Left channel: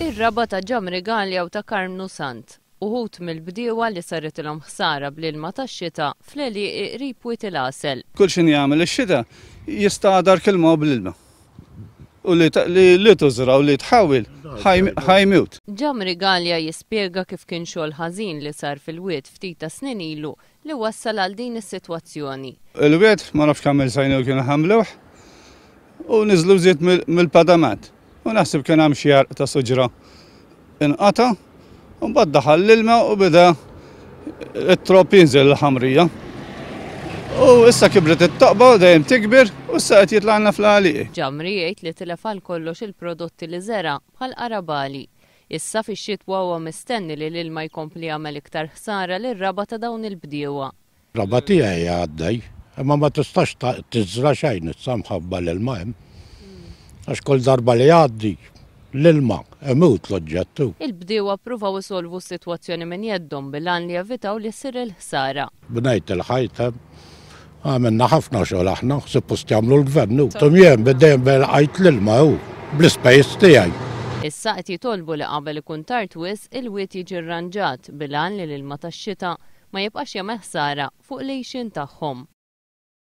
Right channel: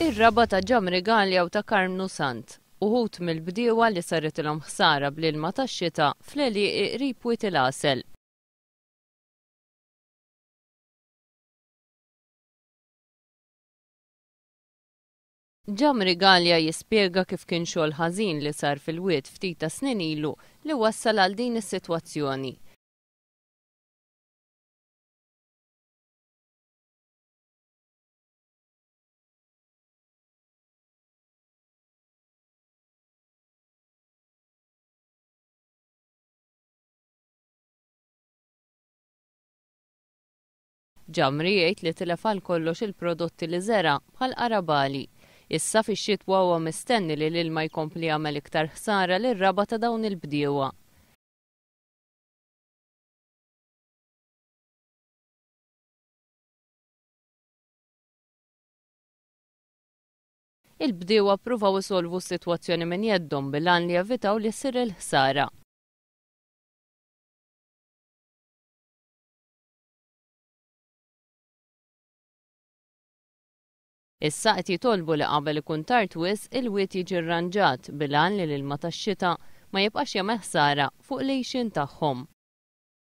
Ir-raba ta' Ġamri Galja u ta' Karmnu Sant. Uħut mill-bdiewa li saret ilhom ħsara bl-ilma tax-xita fl-għelieq qrib Wied il-Għasel. Kull xi jagħmel ix-xita jistgħadar kilma bil-ilma. U li tużra u li tħawil ħajmut. Ġamri Galja jispjega kif kien xogħol ħażin li sar fil-wied ftit ta' snin ilu li wassal għal din is-sitwazzjoni. Il-wied ma nafx kemm il-sajnu kienu ħamluh u niżlu żied mill-padament. U naħseb kien hemm xi jarq ta' suġra inqata' u mbagħad daħal l-ilma u beda it-trop jinżel l-ħamrija. U issa kibret it-toqba u dejjem tikber u issa qed jitla'na fl-għalieq. Ġamri jgħid li tilef għal kollox il-prodotti li żera bħal qarabali. Issa fix-xitwa huwa mistenni li l-ilma jkompli jagħmel iktar ħsara lir-raba ta' dawn il-bdiewa. Raba tiegħi għaddej, imma ma tistax tiżra xejn issa mħabba l-ilma hemm. Għax kull darba li għaddi l-ilma imut l-oġġettu. Il-bdiewa ppruvaw isolvu s-sitwazzjoni minn jeddhom bil-għan li jevitaw li ssir il-ħsara. Bnejt il-ħajt għamilna ħafna xogħol aħna, suppost jagħmlu l-gvernu. Tumjien bdejjem bil-qajt l-ilma hu bl-ispejs tiegħi. Issa qed jitolbu li qabel ikun tard wisq il-wied jiġi rranġat bil-għan li l-ilma tax-xita ma jibqax jagħmel ħsara fuq l-għejxin tagħhom.